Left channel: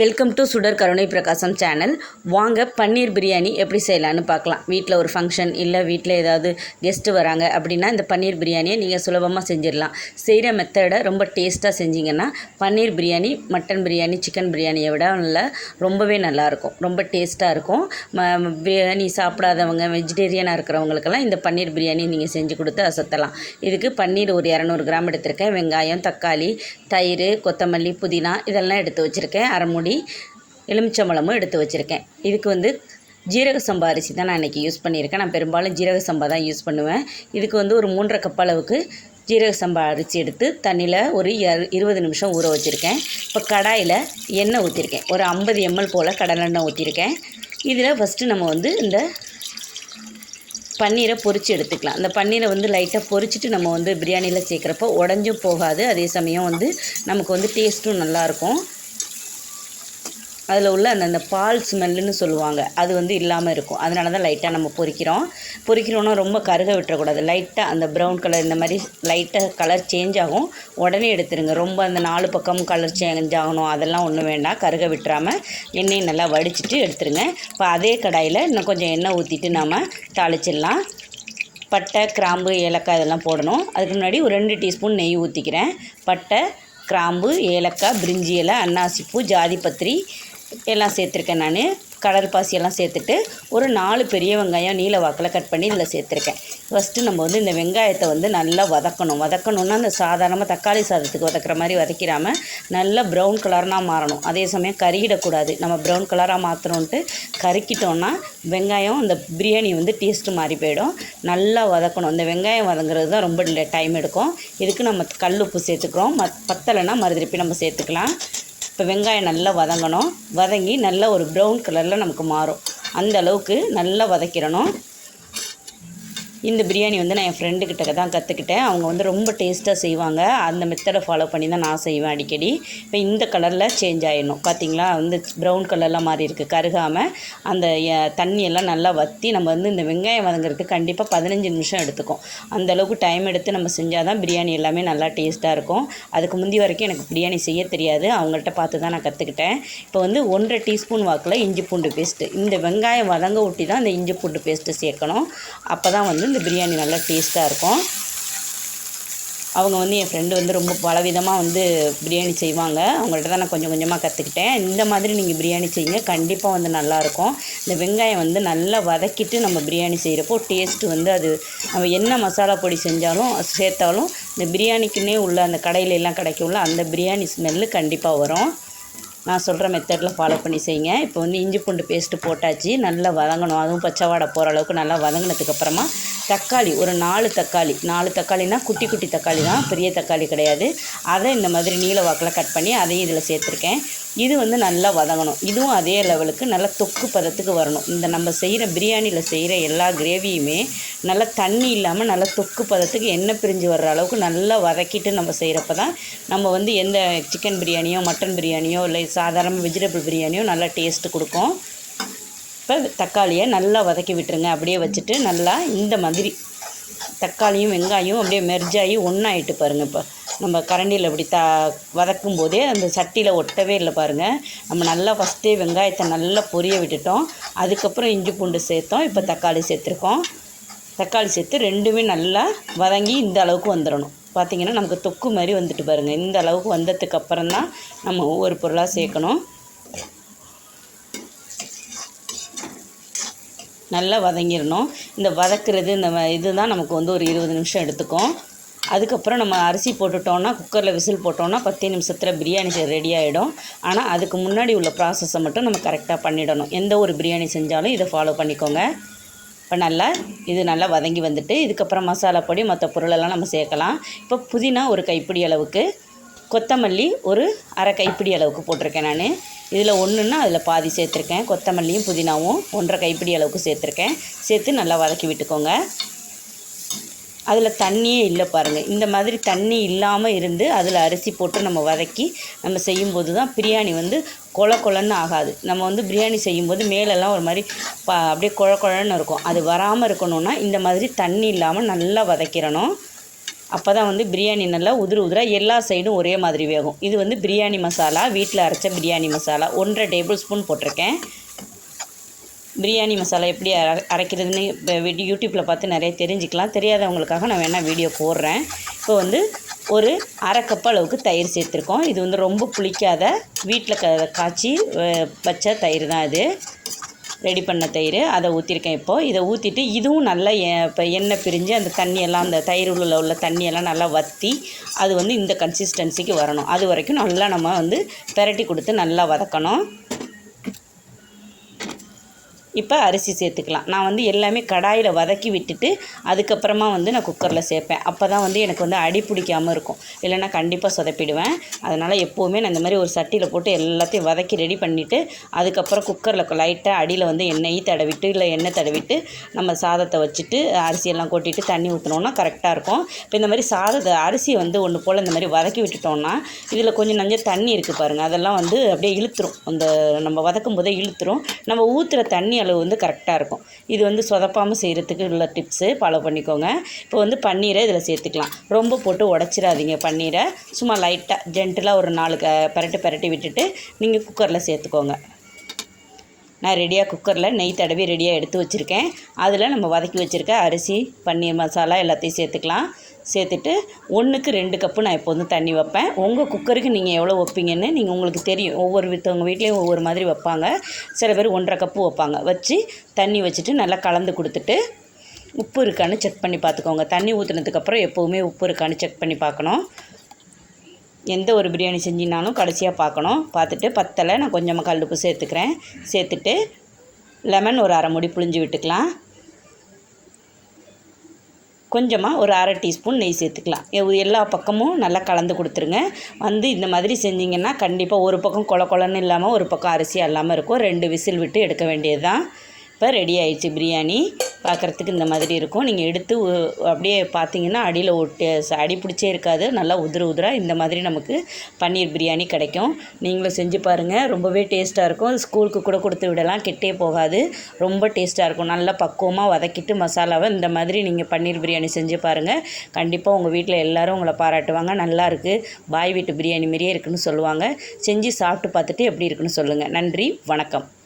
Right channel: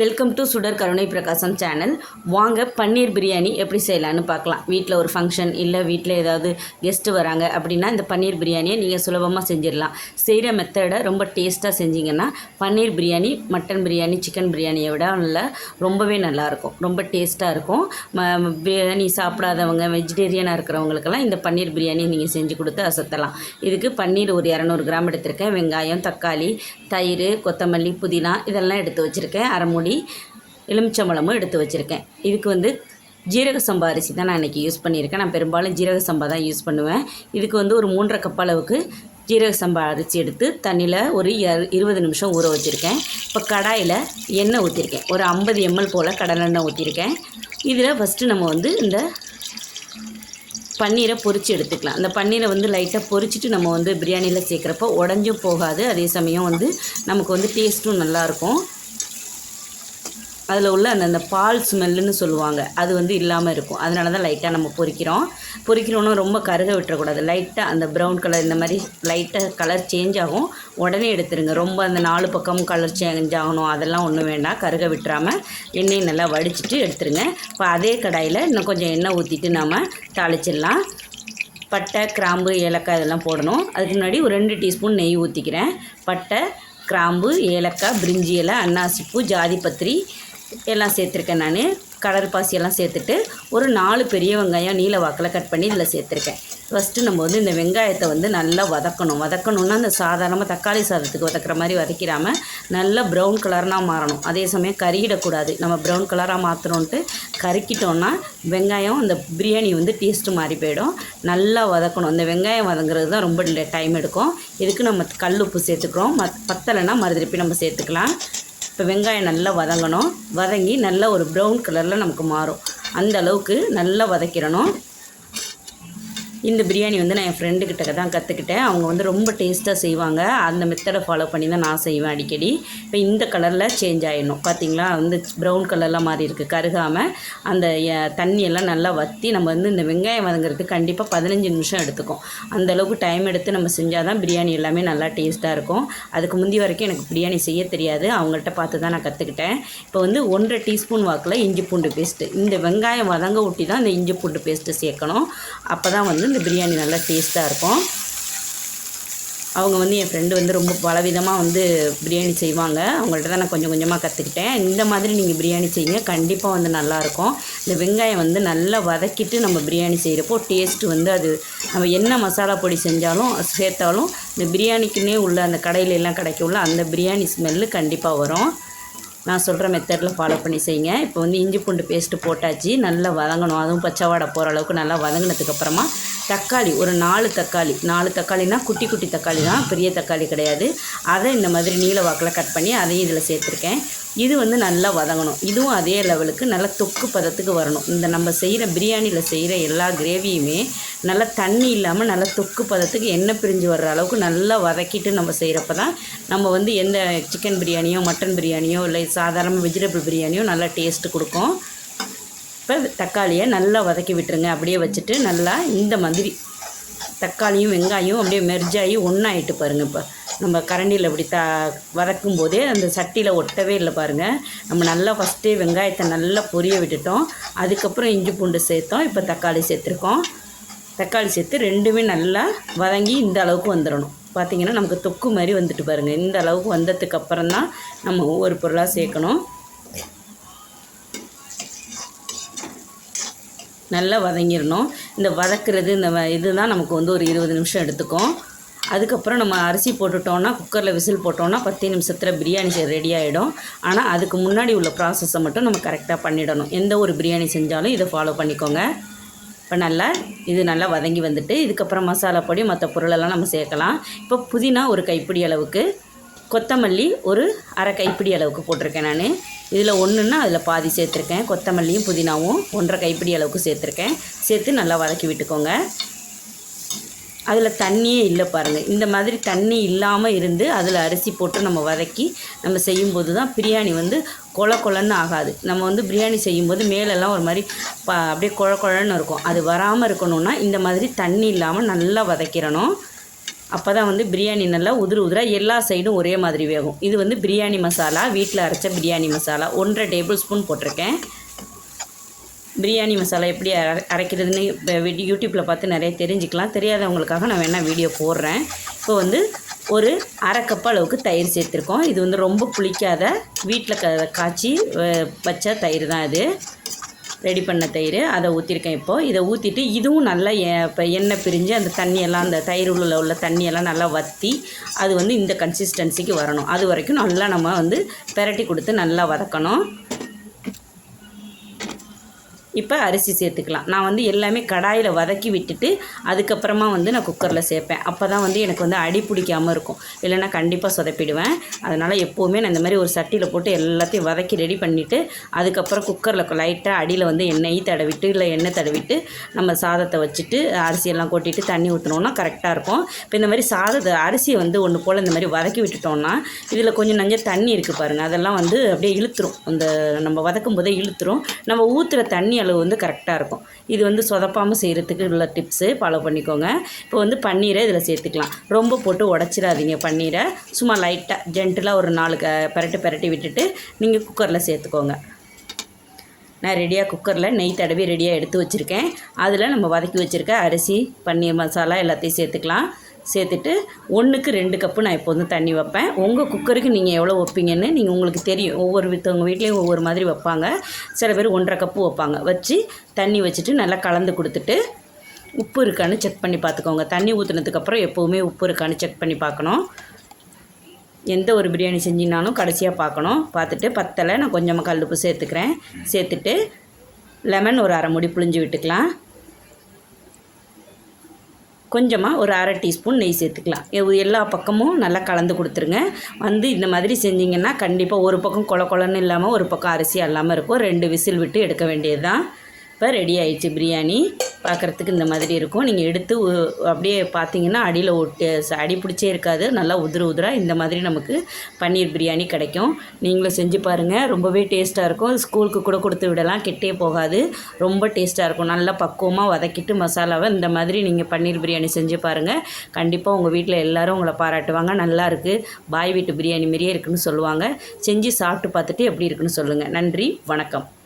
Welcome to சுடர் கருணை பிரகாசம் சேனல் வாங்க பன்னீர் பிரியாணி எப்படி செய்யலான்னு பார்க்கலாம். வீட்டில் ஒரு ஃபங்க்ஷன் இல்லை வீட்டில் ஏதாவது கெஸ்ட்டு வராங்க அப்படின்னா இந்த பன்னீர் பிரியாணியை நீங்கள் சுலபமாக செஞ்சிடலாம். செய்கிற மெத்தடை ரொம்ப டேஸ்ட்டாக செஞ்சீங்கன்னா பன்னீர் பிரியாணி மட்டன் பிரியாணி சிக்கன் பிரியாணியை விட நல்லா ரொம்பவே நல்லாயிருக்கும் ரொம்ப டேஸ்ட்டாக இருக்கும். ம பிரியாணி சாப்பிடாதவங்க வெஜிடேரியனாக இருக்கிறவங்களுக்கெல்லாம் இந்த பன்னீர் பிரியாணி நீங்கள் செஞ்சு கொடுத்து அசத்தலாம். இதுக்கு பன்னீர் ஒரு இரநூறு கிராம் எடுத்திருக்கேன். வெங்காயம் தக்காளி தயிர் கொத்தமல்லி புதினா இதெல்லாம் எடுத்து வச்சுருக்கேன். அரை மூடி எலுமிச்சம்பழமும் எடுத்து வச்சுருக்கேன். இதுக்கு வந்து ஜீரக சம்பா அரிசி தான் நான் இன்றைக்கி யூஸ் பண்ணியிருக்கேன். நான் பெரும்பாலும் ஜீரக சம்பா தான் யூஸ் பண்ணுவேன். இதுக்கு வந்து ஒரு மூன்றரை கப் அளவுக்கு ஜீரக சம்பா அரிசி எடுத்து தண்ணியில் ஒரு இருபது நிமிஷம் ஊற வச்சுருக்கேன். இப்போ கடாயில் எண்ணெய் ஊற்றிருக்கேன் ஒரு ஐம்பது எம்எல் போல் கடலெண்ணெய் ஊற்றிருக்கேன் இதில் ஃபஸ்ட்டு நம்ம வந்து இந்த பன்னீரை பொறிச்சு எடுத்துக்கலாம். அந்த பன்னீரை வந்து லைட்டாக பொரிச்சிட்டு நம்ம வந்து பிரியாணியில் சேர்க்குறப்போ உடஞ்சும் போகாது. அதே சமயம் வந்து நமக்கு வந்து டேஸ்ட்டும் நல்லாயிருக்கும் அதில் உள்ள அந்த அந்த பால் ஸ்மெல்லுன்னு சொல்லுவாங்க. அது வந்து இல்லாமல் இருக்கும். அதனால தான் லைட்டாக நம்ம பொறிக்கிறோம். பொறிக்கிறோன்னா ரொம்ப கருக விட்டுறக்கூடாது. லைட்டாக அந்த ப்ரௌன் கலர் இந்த மாதிரி லைட்டாக கலர் சேஞ்ச் ஆகும். உடனே எடுத்துருங்க. ரொம்ப அந்த நாலு பக்கமும் கலர் சேஞ்ச் ஆகணும். அதெல்லாம் ஒன்றும் வேண்டாம். கருக விட்டுறாமல் எண்ணெயை நல்லா வடிச்சிட்டு எடுத்துருங்க. இப்போ அதே கடாயில் இன்னும் கொஞ்சம் எண்ணெய் ஊற்றிட்டு நாம் தாளிச்சிடலாம். பட்டை கிராம்பு ஏலக்காய் இதெல்லாம் போடணும். அதுக்கு முன்னாடி ஒரு ரெண்டு டீஸ்பூன் நெய் ஊற்றிக்கிறேன் பட்டை கிராம்பு ஏலக்காய் பிரிஞ்சி இலை அன்னாசிப்பூ ஜாதிபத்திரி எல்லாம் சேர்த்துருக்கேன் நான். கடல் பாசியெல்லாம் சேர்த்துட்டு ஒரு நாலு பெரிய வெங்காயம் நீல வாக்கில் கட் பண்ணி இதில் சேர்த்துருக்கேன். ஃபஸ்ட்டு நம்ம வந்து இந்த வெங்காயத்தை வந்து நல்லா வதக்கணும். வதக்கணுன்னா அந்த சாதாரணமாக தக்காளி சாதத்துக்கு வதக்குற மாதிரி வதக்கிறாமல் நல்லா ப்ரௌன் கலர்னால் மாறணும். அதே சமயம் கருகிடக்கூடாது. நம்ம ப்ரௌன் கலராக மாற்றணுன்ட்டு கருக்கிட்டோன்னா வெங்காயம் அந்த பிரியாணி வந்து டேஸ்ட்டு மாறி போயிடும். நல்லா வதக்கணும். இந்த வெங்காயம் வதங்குறது தான் ரொம்ப டைம் எடுக்கும். இதுக்கு நம்ம கல் உப்பு சேர்த்துக்கிறோம். மத் பத்தலைன்னா மறுதிருப்பி நம்ம சேர்த்துக்கலாம். இப்போ வெங்காயம் நல்லா வதங்கணும். வதங்கி நல்லா ஒரு ப்ரௌன் கலரில் நமக்கு மாறும். அந்த அளவுக்கு நல்லா வதக்கிடணும். இந்த பிரியாணி வந்து நான் என் ஃப்ரெண்டுக்கிட்ட தான் கற்றுக்கிட்டேன் அவங்க வந்து ரொம்ப டேஸ்ட்டாக செய்வாங்க. அந்த மெத்தடை ஃபாலோ பண்ணி தான் நான் செய்வேன் அடிக்கடி. இப்போ இந்த கலரில் சேஞ்ச் ஆகிடணும் பார்த்தீங்களா வந்து ப்ரௌன் கலர்லாம் மாறி இருக்குது கருகாமல் அந்த தண்ணியெல்லாம் நல்லா வற்றி நம்ம வந்து இந்த வெங்காயம் வதங்குறதுக்கு கண்டிப்பாக பதினஞ்சு நிமிஷம் எடுத்துக்கும். அந்தளவுக்கு டைம் எடுத்து நம்ம செஞ்சால் தான் பிரியாணி எல்லாமே நல்லா டேஸ்ட்டாக இருக்கும். அதுக்கு முந்தி வரைக்கும் எனக்கு பிரியாணி செய்ய தெரியாது. அவங்கள்ட்ட பார்த்து தான் நான் கற்றுக்கிட்டேன் இப்போ வந்து ஒன்றரை டீஸ்பூன் வாக்கில் இஞ்சி பூண்டு பேஸ்ட்டு இந்த வெங்காயம் வதங்க ஊட்டி தான் இந்த இஞ்சி பூண்டு பேஸ்ட்டு சேர்க்கணும். அப்போ தான் வந்து இந்த பிரியாணி நல்லா டேஸ்ட்டாக இருக்கும். அவங்க வந்து என் ஃப்ரெண்டு வந்து ரொம்ப பலவிதமாக வந்து பிரியாணி செய்வாங்க. அவங்கள்ட்ட தான் நான் கொஞ்சம் கொஞ்சமாக கற்றுக்கிட்டேன் இந்த மாதிரி நீங்கள் பிரியாணி செய்யுங்க. கண்டிப்பாக வந்து நல்லாயிருக்கும் இந்த வெங்காயம் வந்து நல்லா வதக்கிட்டு நம்ம பிரியாணி செய்கிறப்போ டேஸ்ட்டு வந்து அது நம்ம என்ன மசாலா பொடி செஞ்சாலும் சேர்த்தாலும் இந்த பிரியாணிக்குன்னே உள்ள அந்த கடையில எல்லாம் கிடைக்கும்ல அந்த பிரியாணி ஸ்மெல்லு கண்டிப்பாக வரும். நான் சொல்கிற மெத்தடில் ஃபாலோ பண்ணி செய்யுங்க. இப்போ வந்து இஞ்சி பூண்டு பேஸ்ட்டு போட்டாச்சு. நல்லா வதங்கணும். அதுவும் பச்சை வாடை போகிற அளவுக்கு நல்லா வதங்கினதுக்கப்புறமா தக்காளி ஒரு நாலு தக்காளி. நாலு தக்காளினா குட்டி குட்டி தக்காளி தான். பெரிய தக்காளி கிடையாது. அதை இந்த மாதிரி நீல வாக்கில் கட் பண்ணி அதையும் இதில் சேர்த்துருக்கேன். இது வந்து நல்லா வதங்கணும். இதுவும் அதே லெவலுக்கு நல்லா தொக்கு பதத்துக்கு வரணும். இந்த நம்ம செய்கிற பிரியாணியில் செய்கிற எல்லா கிரேவியுமே நல்லா தண்ணி இல்லாமல் நல்லா தொக்கு பதத்துக்கு எண்ணெய் பிரிஞ்சு வர்ற அளவுக்கு நல்லா வதக்கிட்டு நம்ம செய்கிறப்ப தான் நம்ம வந்து எந்த சிக்கன் பிரியாணியோ மட்டன் பிரியாணியோ இல்லை சாதாரண வெஜிடபிள் பிரியாணியோ நல்லா டேஸ்ட்டு கொடுக்கும். இப்போ தக்காளியை நல்லா வதக்கி விட்டுருங்க. அப்படியே வச்சுட்டு நல்லா இந்த மாதிரி தக்காளியும் வெங்காயம் அப்படியே மெர்ஜாகி ஒன்றாயிட்டு பாருங்கள் இப்போ. நம்ம கரண்டியில் இப்படி த வதக்கும் போதே அந்த சட்டியில் ஒட்டவே இல்லை பாருங்கள் நம்ம நல்லா ஃபஸ்ட்டே வெங்காயத்தை நல்லா பொரிய விட்டுட்டோம். அதுக்கப்புறம் இஞ்சி பூண்டு சேர்த்தோம். இப்போ தக்காளி சேர்த்துருக்கோம். தக்காளி சேர்த்து ரெண்டுமே நல்லா வதங்கி இந்த அளவுக்கு வந்துடணும் பார்த்திங்கன்னா நமக்கு தொக்கு மாதிரி வந்துட்டு பாருங்கள் இந்த அளவுக்கு வந்ததுக்கு அப்புறம் தான் நம்ம ஒவ்வொரு பொருளாக சேர்க்கணும். நல்லா வதங்கிடணும் இந்த வதக்கிறது இந்த இது இதுதான் நமக்கு வந்து ஒரு இருபது நிமிஷம் எடுத்துக்கும். அதுக்கப்புறம் நம்ம அரிசி போட்டுட்டோம்னா குக்கரில் விசில் போட்டோம்னா பத்து நிமிஷத்தில் பிரியாணி ரெடி ஆகிடும் ஆனால் அதுக்கு முன்னாடி உள்ள ப்ராசஸை மட்டும் நம்ம கரெக்டாக பண்ணிடணும். எந்த ஒரு பிரியாணி செஞ்சாலும் இதை ஃபாலோ பண்ணிக்கோங்க. இப்போ நல்லா இது நல்லா வதங்கி வந்துட்டு இதுக்கப்புறம் மசாலா பொடி மற்ற பொருளெல்லாம் நம்ம சேர்க்கலாம். இப்போ புதினா ஒரு கைப்பிடி அளவுக்கு கொத்தமல்லி ஒரு அரை கைப்பிடி அளவுக்கு போட்டிருக்கேன் நான். இதில் ஒன்றுன்னா அதில் பாதி சேர்த்துருக்கேன். கொத்தமல்லியும் புதினாவும் ஒன்றரை கைப்பிடி அளவுக்கு சேர்த்துருக்கேன். சேர்த்து நல்லா வதக்கி விட்டுக்கோங்க. அதில் தண்ணியே இல்லை பாருங்கள் இந்த மாதிரி தண்ணி இல்லாமல் இருந்து அதில் அரிசி போட்டு நம்ம வதக்கி நம்ம செய்யும்போது தான் பிரியாணி வந்து கொல கொலன்னு ஆகாது. நம்ம வந்து பிரியாணி செய்யும்போது மேலெல்லாம் ஒரு மாதிரி ப அப்படியே குழ குழன்னு இருக்கும். அது வராமல் இருக்கணும்னா இந்த மாதிரி தண்ணி இல்லாமல் நல்லா வதக்கிறணும். அப்போ தான் வந்து பிரியாணி நல்லா உதிர உதிர எல்லா சைடும் ஒரே மாதிரி வேகும். இது வந்து பிரியாணி மசாலா வீட்டில் அரைச்ச பிரியாணி மசாலா. ஒன்றரை டேபிள் ஸ்பூன் போட்டிருக்கேன். பிரியாணி மசாலா எப்படி அரை அரைக்கிறதுன்னு இப்போ யூடியூப்பில் பார்த்து நிறைய தெரிஞ்சுக்கலாம். தெரியாதவங்களுக்காக நான் வேணால் வீடியோ போடுறேன். இப்போ வந்து ஒரு அரை கப் அளவுக்கு தயிர் சேர்த்துருக்கோம். இது வந்து ரொம்ப புளிக்காத வீட்டில் க காய்ச்சி வச்ச தயிர் தான் இது ரெடி பண்ண தயிர். அதை ஊற்றிருக்கேன் இப்போது இதை ஊற்றிட்டு இதுவும் நல்லா எ- இப்போ எண்ணெய் பிரிஞ்சு அந்த தண்ணியெல்லாம் அந்த தயிர் உள்ள உள்ள தண்ணியெல்லாம் நல்லா வற்றி அது வந்து இந்த கன்சிஸ்டன்சிக்கு வரணும். அது வரைக்கும் நல்லா நம்ம வந்து பெரட்டி கொடுத்து நல்லா வதக்கணும். இப்போ அரிசி சேர்த்துக்கலாம். நான் வந்து எல்லாமே கடாயில் வதக்கி விட்டுட்டு அதுக்கப்புறமா வந்து நான் குக்கரில் சேர்ப்பேன். அப்போ தான் வந்து எனக்கு வந்து அடி பிடிக்காமல் இருக்கும். இல்லைன்னா கண்டிப்பாக சொதப்பிடுவேன். அதனால் எப்போவுமே நான் இந்த மாதிரி ஒரு சட்டியில் போட்டு எல்லாத்தையும் வதக்கி ரெடி பண்ணிவிட்டு அதுக்கப்புறம் குக்கரில் லைட்டாக அடியில் வந்து எண்ணெய் தடவிட்டு இல்லை எண்ணெய் தடவிட்டு நம்ம சாதத்தை வச்சுட்டு அரிசியெல்லாம் கொட்டிட்டு தண்ணி ஊற்றினோன்னா கரெக்டாக இருக்கும். இப்போ இந்த மாதிரி சாதத்தை அரிசி வந்து ஒன்று போல் இந்த மாதிரி வதக்கி விட்டுட்டோம்னா இதில் கொஞ்சம் நஞ்ச தண்ணி இருக்குது பாருங்கள் அதெல்லாம் வந்து அப்படியே இழுத்துரும். அந்த நம்ம வதக்கும் போதே இழுத்துரும். நம்ம ஊற்றுற தண்ணியெல்லாம் அளவு வந்து கரெக்டாக இருக்கும். இது வந்து சொதப்பாமல் செய்கிறதுக்கு உள்ள டிப்ஸு ஃபாலோ பண்ணிக்கோங்க. இப்போ வந்து பன்னீரை இதில் சேர்த்துக்கலாம். ரொம்ப போட்டு உடச்சிடாதீங்க பன்னீரை. சும்மா லைட்டாக ஜென்டிலாக ஒரு நாலு க பரட்டி பரட்டி விட்டுட்டு நீங்கள் குக்கரில் சேர்த்துக்கோங்க. நான் ரெடியாக குக்கரில் நெய் தடவி ரெடியாக எடுத்து வச்சுருக்கேன். அதில் நம்ம வதக்கி வச்சுருக்க அரிசி பன்னீர் மசாலா எல்லாத்தையும் சேர்த்துக்கலாம். சேர்த்துட்டு ஒன்றுக்கு ரெண்டு கப்பு நான் இப்போ வந்து தண்ணி வைப்பேன். உங்கள் குக்கருக்கு நீங்கள் எவ்வளோ வைப்பீங்கன்னு நீங்கள் உங்களுக்கு தெரியும். ஒவ்வொரு வித்தவங்க வீட்லேயும் ஒவ்வொரு மாதிரி வைப்பாங்க. சில பேர் ஒன்றரை கப்பு வைப்பாங்க. வச்சு தண்ணி வச்சுட்டு நல்லா கலந்து கொடுத்துட்டு உப்பு இருக்கான்னு செக் பண்ணி பார்த்துக்கோங்க. தண்ணி ஊற்றுனதுக்கப்புறம் எப்போவுமே உப்பு இருக்கான்னு செக் பண்ணி பார்க்கணும். எந்த ஒரு பிரியாணி செஞ்சினாலும் கடைசியாக பார்க்கணும். பார்த்துட்டு பத்தலை நான் கொஞ்சமாக கல்லுப்பு சேர்த்துக்கிறேன். சேர்த்துட்டு லெமன் ஒரு அரை முடி புழிஞ்சு விட்டுக்கலாம். கொஞ்சமாக ஒரு அரை டீஸ்பூன் நெய் சேர்த்துக்கலாம். எல்லா பக்கமும் நல்லா கலந்து கொடுத்துருங்க. வந்து இந்த மாதிரி செஞ்சிங்கன்னா கண்டிப்பாக ஒரு பக்கம் கொல கொலன்னு இல்லாமல் ஒரு பக்கம் அரிசி இல்லாமல் இருக்கும். ரெண்டு விசில் விட்டு எடுக்க வேண்டியது தான் இப்போ ரெடி ஆயிடுச்சு பிரியாணி. பார்க்குறதுக்கு இந்த மாதிரி இருக்கும். நீங்கள் எடுத்து அப்படியே பார்த்தீங்கன்னா அடியில் ஒட்டி ச- அடி பிடிச்சே இருக்காது. நல்லா உதிர உதிரா இந்த மாதிரி நமக்கு பன்னீர் பிரியாணி கிடைக்கும். நீங்களும் செஞ்சு பாருங்கள் ரொம்பவே டேஸ்ட்டாக இருக்கும். ஸ்கூலுக்கு கூட கொடுத்து விடலாம். கெட்டே போகாது. ரொம்ப டேஸ்ட்டாக இருக்கும். நல்லா பக்குவமாக வதக்கிட்டு மசாலாவை இந்த மாதிரி நீங்கள் பன்னீர் பிரியாணி செஞ்சு பாருங்கள் கண்டிப்பாக உங்கள் வீட்டில் எல்லோரும் உங்களை பாராட்டுவாங்க. நல்லா இருக்குது பாய் வீட்டு பிரியாணி மாதிரியே இருக்குன்னு சொல்லுவாங்க. செஞ்சு சாப்பிட்டு பார்த்துட்டு எப்படி இருக்குன்னு சொல்லுங்கள் நன்றி. வணக்கம்.